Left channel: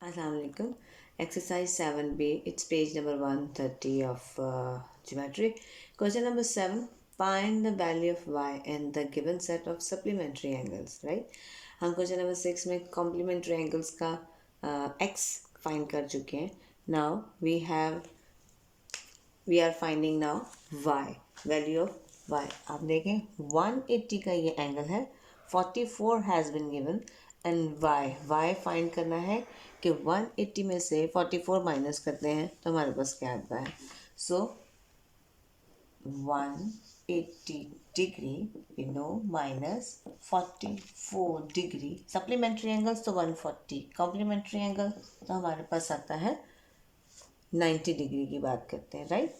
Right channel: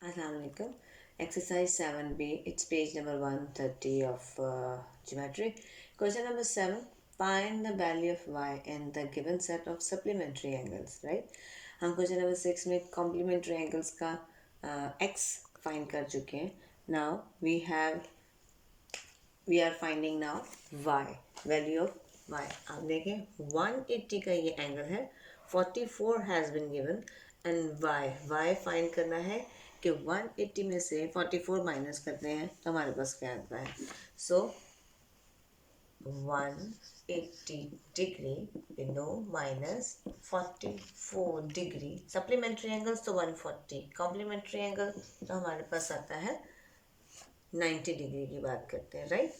Assalamualaikum. Exercise 7b. It's page number 130 of geometry. Question number 7. Find the value of y in the given set of supplementary angles. Right? हम question number 6 में complementary angles का x find कर चुके हैं. Now we are finding now y, value of y. आप देखें 180 का ये एंगल है, 44 has been given and y find करना है कि 180 में से 44 माइनस करते हैं तो हमारे पास क्या आता है. सो 180 degree we know minus 44 degree. Supplementary angles तो 140, कॉम्प्लीमेंट्री एंगल तो हमारे पास आता है 90 डिग्री की बात करते हैं. Right.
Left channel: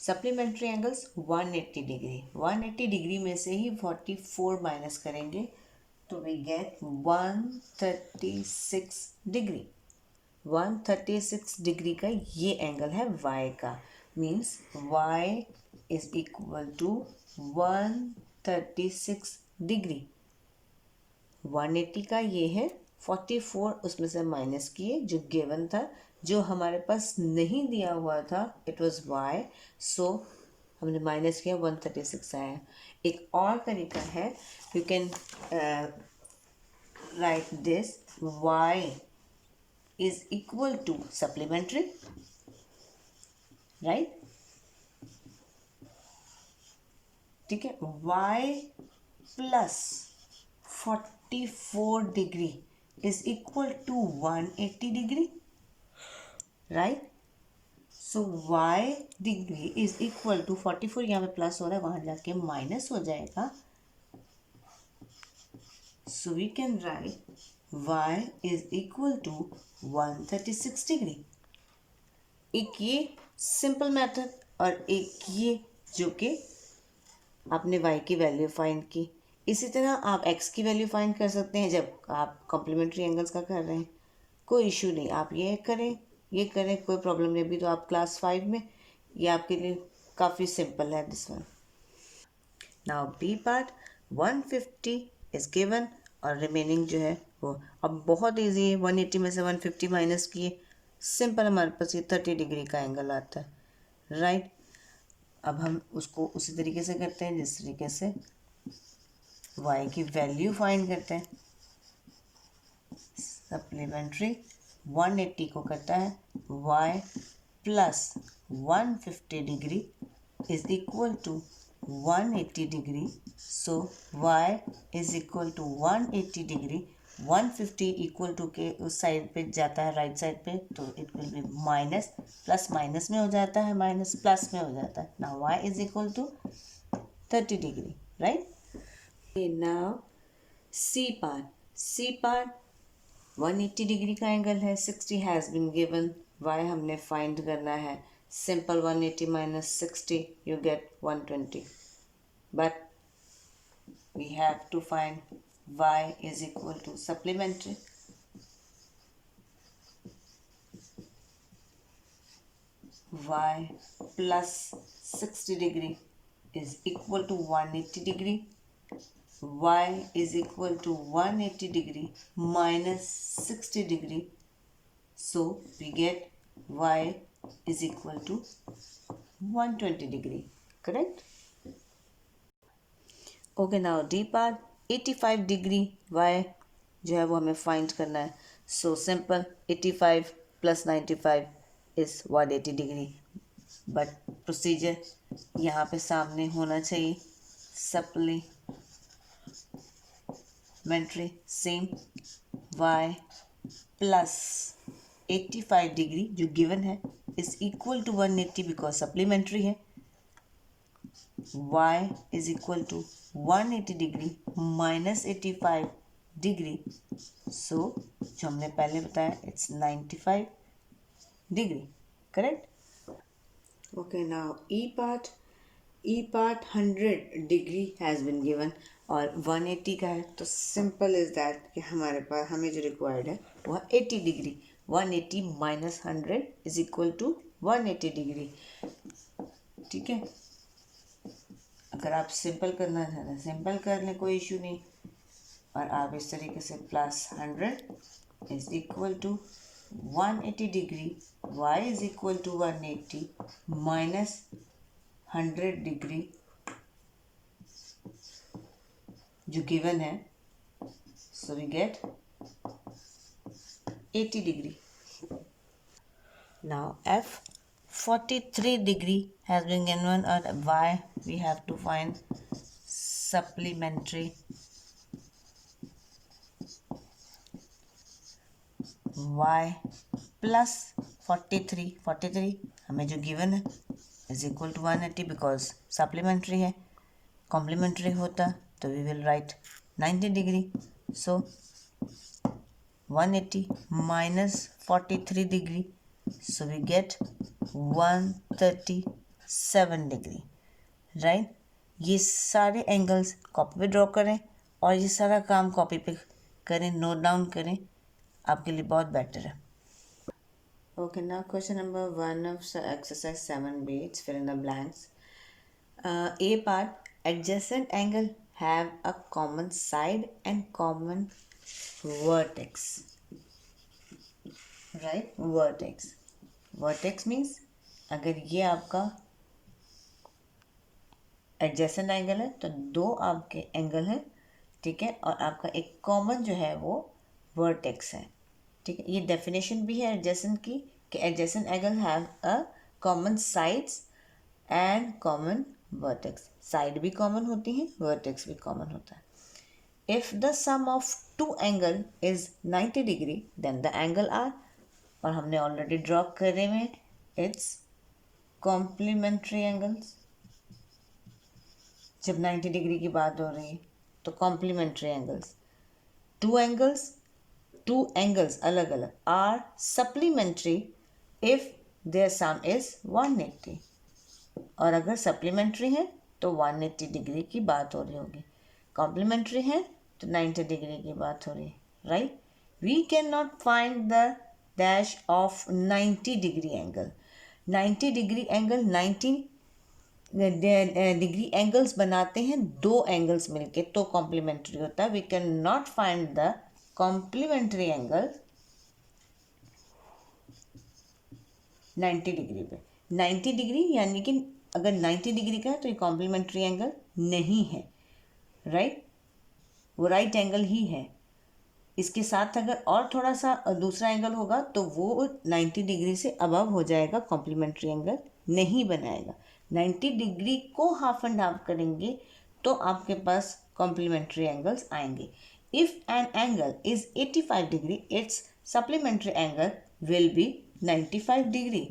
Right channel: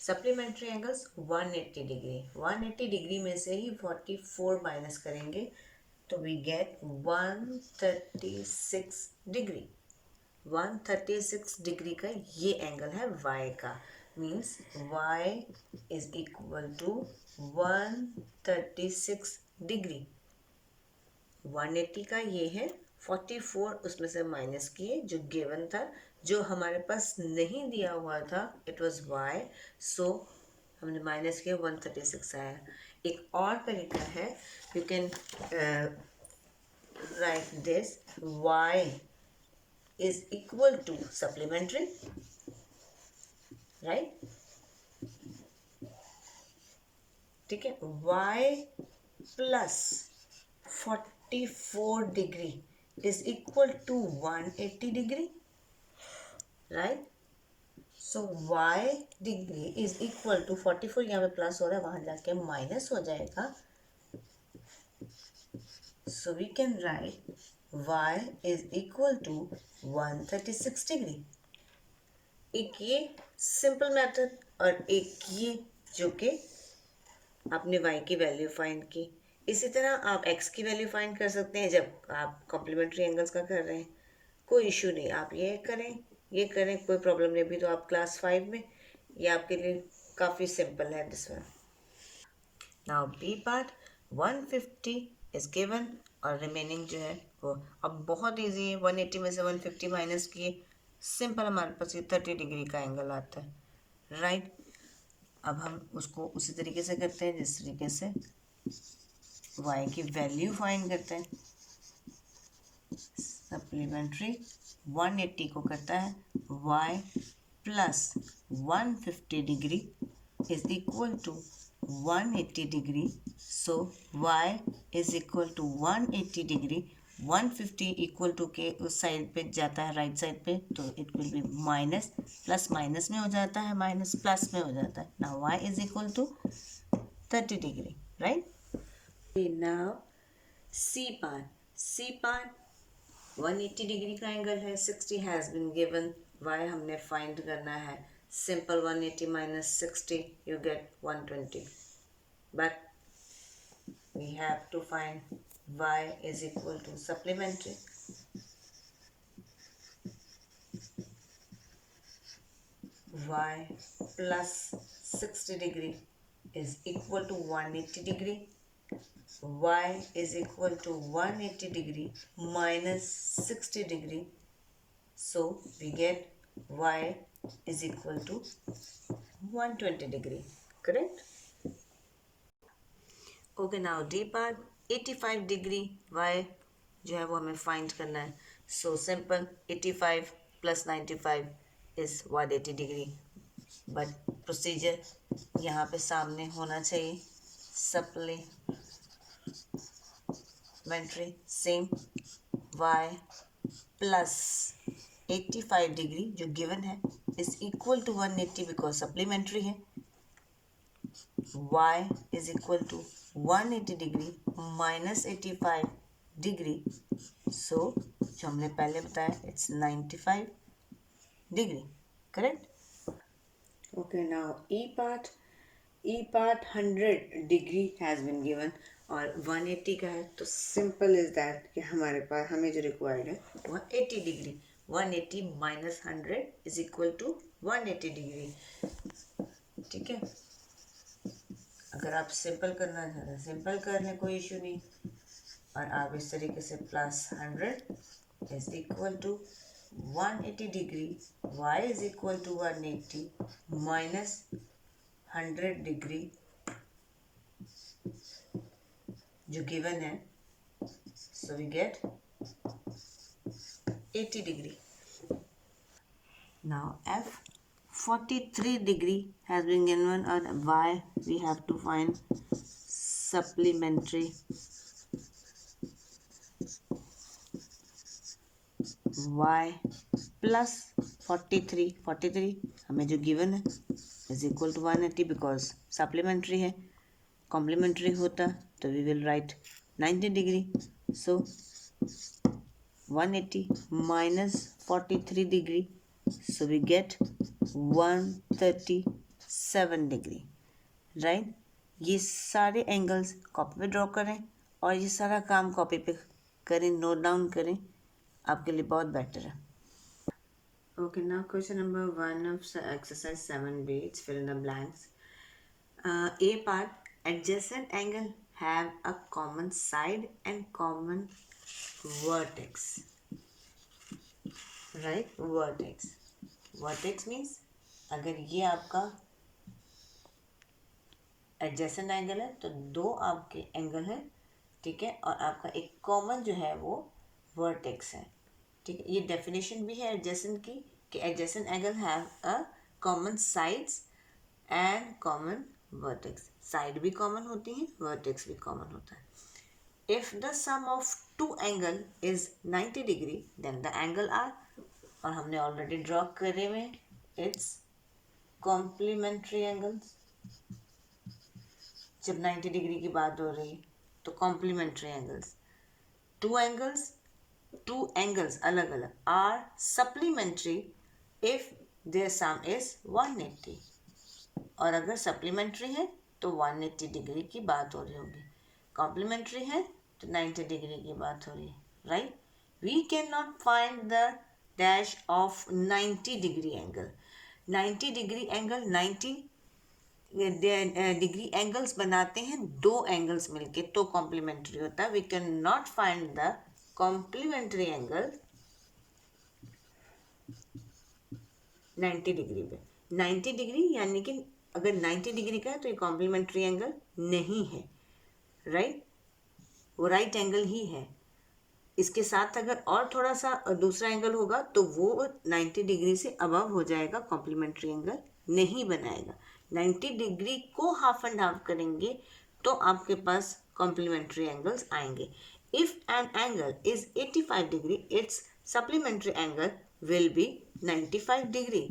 Supplementary angles 180 degree. 180 degree में से ही 44 माइनस करेंगे तो वी गेट 136 डिग्री. 136 डिग्री का ये एंगल है y का. Means y is equal to 136 degree. 180 का ये है, 44 उसमें से माइनस किए जो गिवन था, जो हमारे पास नहीं दिया हुआ था इट वाज y. सो हमने माइनस किया, 136 आया. एक और तरीका है, you can write this y is equal to supplementary, right? ठीक है. y plus 44 degree is equal to 180 degree, right? So y degree is equal to 44. यहाँ पे प्लस हो रहा है, वहाँ जाके माइनस हो जाएगा. So we can write y is equal to 136 degree. एक ये सिंपल मेथड और एक ये जो कि आपने y की वैल्यू फाइंड की. इसी तरह आप x की वैल्यू फाइंड कर सकते हैं जब आप कॉम्प्लीमेंट्री एंगल्स का कर रहे हैं. कोई इशू नहीं, आप ये करें ये करें, कोई प्रॉब्लम नहीं. अभी तो आप क्लास 5 में, ये आपके लिए काफ़ी सिंपल है this one. Now B part 150 is given और रिमेनिंग जो है वो अब बहुत इजी है. 180 में से 150 माइनस किए, सिंपल हमारे पास ये 30 डिग्री का एंगल आता है. राइट. अब हम उसको उसी तरीके से करते हैं जिस तरीके से y की वैल्यू फाइंड करते हैं. सप्लीमेंट्री 180 को करता है y plus 150 degree is equal to 180 degree. So y is equal to 180 degree. 150 equal to के उस साइड पे जाता है, राइट साइड पे, तो it will be minus. Plus minus में हो जाता है, माइनस प्लस में हो जाता है. Now y is equal to 30 degree. Right. Now C part 180 degree का एंगल है, 60 हैज़ बिन गिवन. y हमने फाइंड करना है. Simple 180 minus 60 you get 120. But we have to find y is equal to supplementary. Y plus 60 degree is equal to 180 degree. Y is equal to 180 degree minus 60 degree. So we get y is equal to 120 degree. Correct? Okay. Now D part 85 degree y जो है वो हमें find करना है. So simple 85 plus 95 is 180 degree. But procedure यहाँ पे सामने होना चाहिए. Supplementary same y plus 85 degree जो गिवन है is equal to 180 because supplementary है. y is equal to 180 degree minus 85 degree. So जो हमने पहले बताया it's 95 degree. Correct. Okay. Now E part 100 degree has been given और 180 का है, तो सिंपल इज दैट कि हमारे पास हमें जो रिक्वायर्ड है वह 80 degree. 180 minus 100 is equal to 180 degree. ठीक है. अगर आप सिंपल करना चाहते हैं सिंपल कर लें, कोई इशू नहीं. और आप इस तरीके से plus 100 is equal to 180 degree, y is equal to 180 minus 100 degree जो given है, so we get 80 degree. Now f 43 degree has been given, or y we have to find supplementary y plus 43 हमें जो given है is equal to 180 because supplementary है. Complementary होता तो we will write 90 degree. So 180 minus 43 degree, so we get 137 degree. Right, ये सारे angles copy पे draw करें और ये सारा काम कॉपी पे करें, नोट डाउन करें, आपके लिए बहुत बेटर है. Okay, now question number 1 of exercise 7b, it's fill in the blanks. A part, adjacent angle have a common side and common vertex. Right, vertex. Vertex means अगर ये आपका adjacent angle है तो दो आपके एंगल हैं, ठीक है, और आपका एक कॉमन जो है वो वर्टेक्स है. ठीक है, ये डेफिनेशन भी है एडजेसेंट की कि adjacent angle have a common sides and common vertex. Side भी कॉमन होती हैं, वर्टेक्स भी कॉमन होता है. If the sum of two angle is 90 degree then the angle are, और हमने ऑलरेडी ड्रॉ करे हुए, इट्स कॉम्प्लीमेंट्री एंगल्स. जब 90 डिग्री की बात हो रही है तो कॉम्प्लीमेंट्री एंगल्स. टू एंगल्स अलग अलग are supplementary if their sum is 180, और अगर सप्लीमेंट्री है तो 180 डिग्री की बात हो रही होगी. कॉम्प्लीमेंट्री है तो 90 डिग्री की बात हो रही है. Right, we can not find the dash of 90 degree angle. 90 degree angle 90 degree angles बनाते हैं दो एंगल्स मिलके तो कॉम्प्लीमेंट्री होता है. We can not find the complementary angle 90 degree पे. 90 डिग्री यानी कि अगर 90 डिग्री का है तो ये कॉम्प्लीमेंट्री एंगल नहीं है. राइट, वो राइट एंगल ही है. इसके साथ अगर और थोड़ा सा दूसरा एंगल होगा तो वो 90 डिग्री से अबव हो जाएगा, कॉम्प्लीमेंट्री एंगल नहीं बनाएगा. 90 डिग्री को हाफ एंड हाफ करेंगे तो आपके पास कॉम्प्लीमेंट्री एंगल्स आएंगे. If an angle is 85 degree, its supplementary angle will be 95 degree.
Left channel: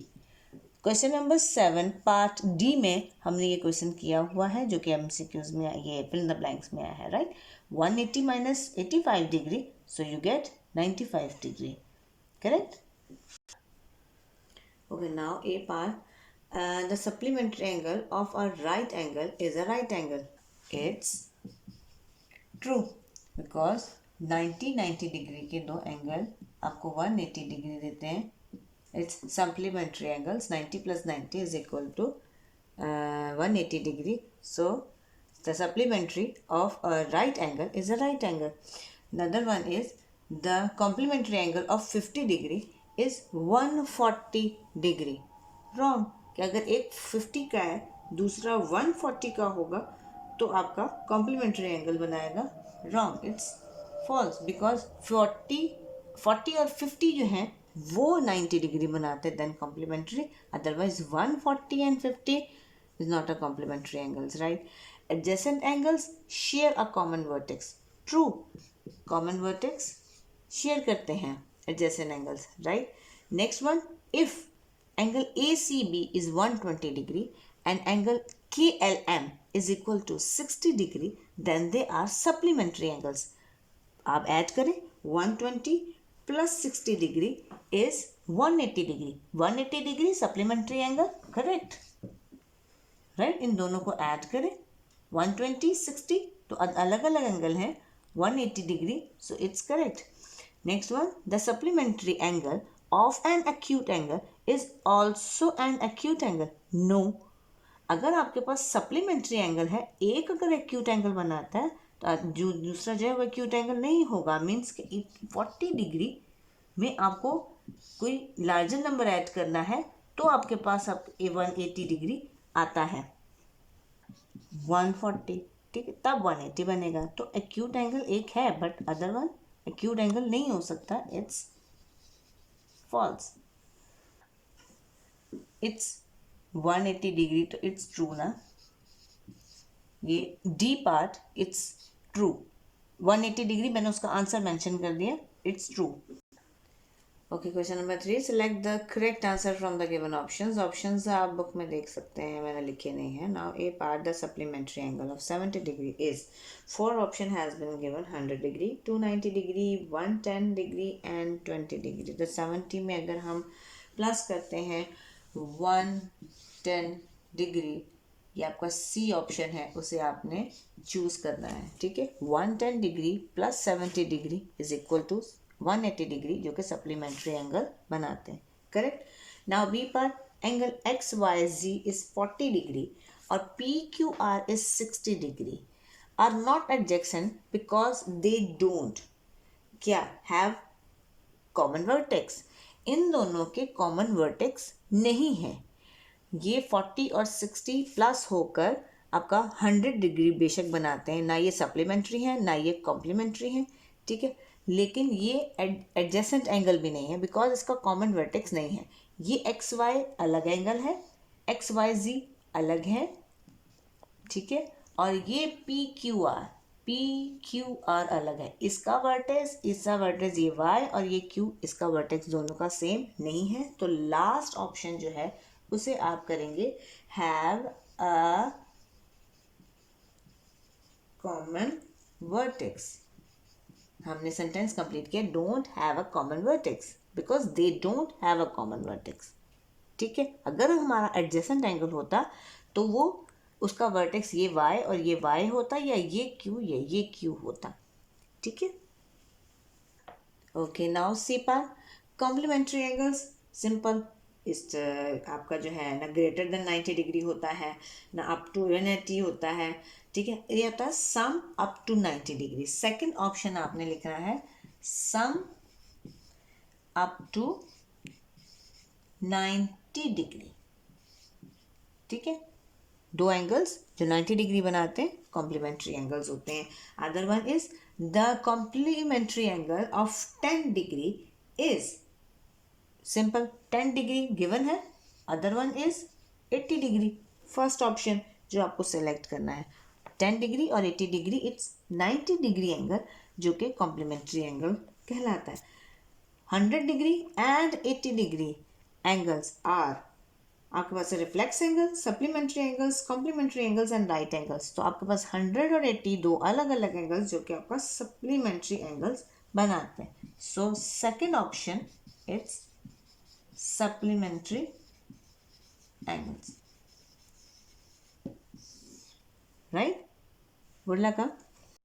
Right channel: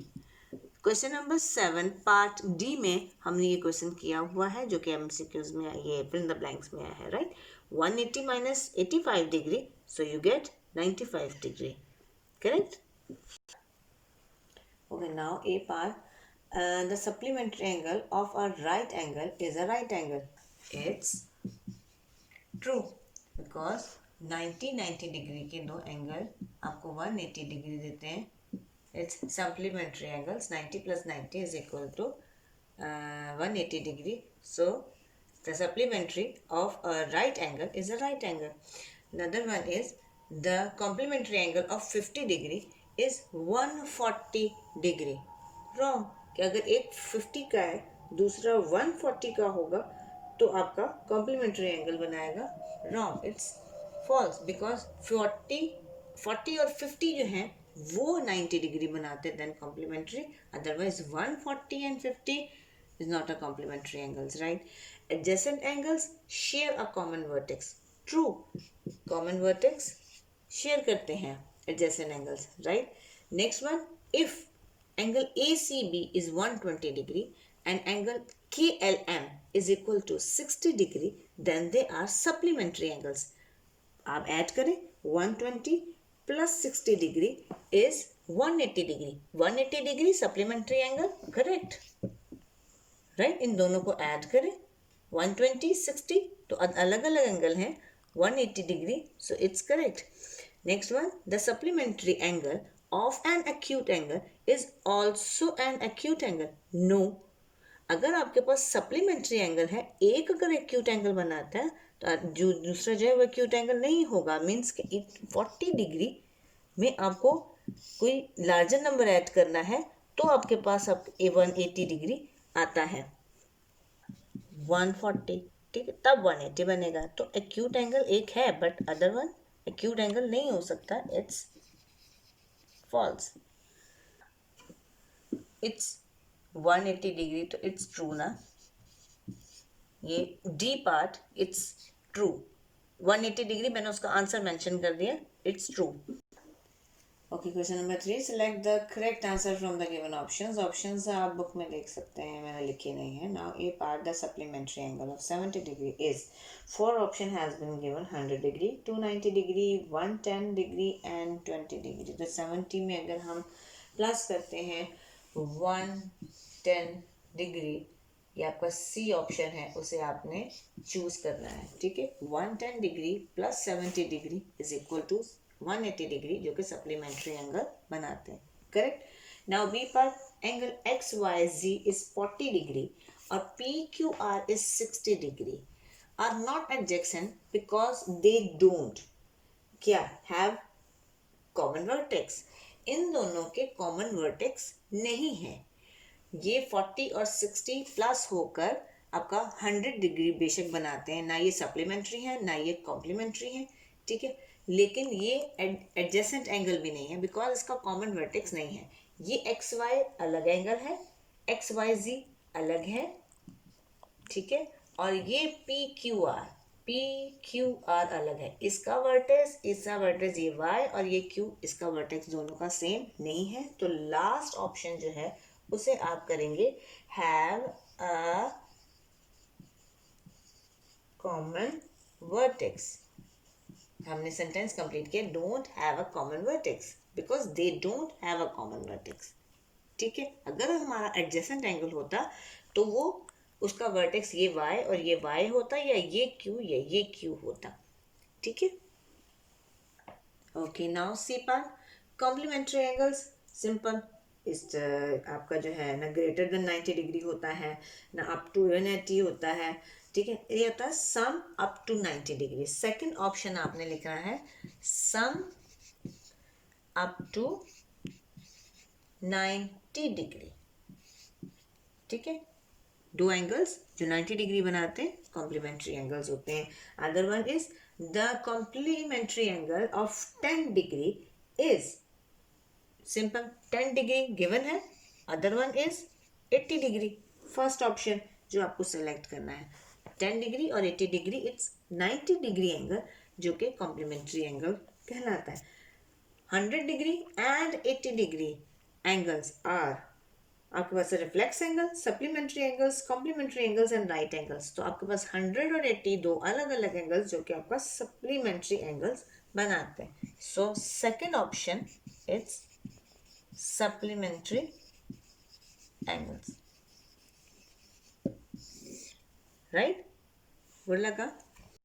Question number 7 part D में हमने ये क्वेश्चन किया हुआ है जो कि एमसीक्यूज में ये फिल इन द ब्लैंक्स में आया है. Right, 180 minus 85 degree, so you get 95 degree. Correct. Okay, now A part, the supplementary angle of a right angle is a right angle. It's true because 90 degree के दो angle आपको 180 degree देते हैं. It's supplementary angles. 90 plus 90 is equal to 180 degree. So the supplementary of a right angle is a right angle. Another one is the complementary angle of 50 degree is 140 degree. Wrong, कि अगर एक 50 का है दूसरा 140 का होगा तो आपका कॉम्प्लीमेंट्री एंगल बनाएगा. Wrong, it's false because 40 और 50 जो हैं वो 90 डिग्री बनाते हैं then complementary. Otherwise 140 and 50 is not a complementary angles. Right, adjacent angles share a common vertex. True, common vertex share करते हैं adjacent angles. Right, next one, if angle ACB is 120 degree and angle KLM is equal to 60 degree, then they are supplementary angles. आप add करें 120 plus 60 degree is 180 degree. 180 degree supplementary angle, correct? Right, इन दोनों को add करें 120 60 तो अलग अलग angle हैं 180 degree, so it's correct. Next one, the supplementary angle of an acute angle is also an acute angle. No, अगर आपके पास सप्लीमेंट्री एंगल है, एक अगर एक्यूट एंगल बनाता है तो जो दूसरा जो है वो एक्यूट एंगल नहीं होगा. मीन्स कि 40 डिग्री में आपको कोई लार्जर नंबर ऐड करना है तो आपके पास अब 180 डिग्री आता है, 140, ठीक है, तब 180 बनेगा। तो एक्यूट एंगल एक है but other one acute angle नहीं हो सकता, इट्स फॉल्स। इट्स 180 डिग्री तो इट्स ट्रू ना, ये D part it's true, 180 degree मैंने उसका आंसर मेंशन कर दिया, it's true. Okay, question number 3, select the correct answer from the given options. Options आप बुक में देख सकते हैं, मैंने लिखे नहीं है। Now A part the supplementary angle of 70 degree is, 4 option has been given, 100 degree, 290 degree, 110 degree and 20 degree. तो 70 में अगर हम प्लस करते हैं 110 डिग्री, ये आपका सी ऑप्शन है, उसे आपने चूज करना है, ठीक है। 110 degree plus 70 degree is equal to 180 degree, जो कि सप्लीमेंट्री एंगल बनाते हैं, करेक्ट। नाउ बी पर angle X Y Z is 40 degree और P Q R is 60 degree are not adjacent because they don't क्या हैव कॉमन वर्टेक्स। इन दोनों के कॉमन वर्टेक्स नहीं है। ये 40 और 60 प्लस होकर आपका 100 डिग्री बेशक बनाते हैं, ना ये सप्लीमेंट्री है ना ये कॉम्प्लीमेंट्री है, ठीक है, लेकिन ये एडजेसेंट एंगल भी नहीं है बिकॉज इसका कॉमन वर्टेक्स नहीं है। ये एक्स वाई अलग एंगल है, एक्स वाई जी अलग है, ठीक है, और ये पी क्यू आर अलग है। इसका वर्टेक्स ये वाई और ये क्यू, इसका वर्टेक्स दोनों का सेम नहीं है। तो लास्ट ऑप्शन जो है उसे आप करेंगे हैव अ कॉमन वर्टेक्स। हमने सेंटेंस कंप्लीट किया, don't have a common vertex because they don't have a common vertex, ठीक है। अगर हमारा एडजेसेंट एंगल होता तो वो उसका वर्टेक्स ये y और ये y होता, या ये q होता, ठीक है। Okay, now C part, complementary angles simple. इस आपका जो है ना ग्रेटर देन 90 डिग्री होता है, ना अप टू 180 होता है, ठीक है, ये होता है sum up to 90 degree. Second option आपने लिखना है सम अप टू 90 डिग्री, ठीक है। दो एंगल्स जो 90 डिग्री बनाते हैं कॉम्प्लीमेंट्री एंगल्स होते हैं। Other one is the complementary angle of 10 degree is simple, 10 degree given है। Other one is 80 degree, first option जो आपको सेलेक्ट करना है। 10 डिग्री और 80 डिग्री, इट्स 90 डिग्री एंगल जो कि कॉम्प्लीमेंट्री एंगल कहलाता है। 100 degree and 80 degree angles are आपके पास reflex angle, supplementary angles, complementary angles and right angles. तो आपके पास 100 और 80 दो अलग अलग एंगल्स जो कि आपका सप्लीमेंट्री एंगल्स बनाते हैं। So second option it's supplementary angles, right. Good luck.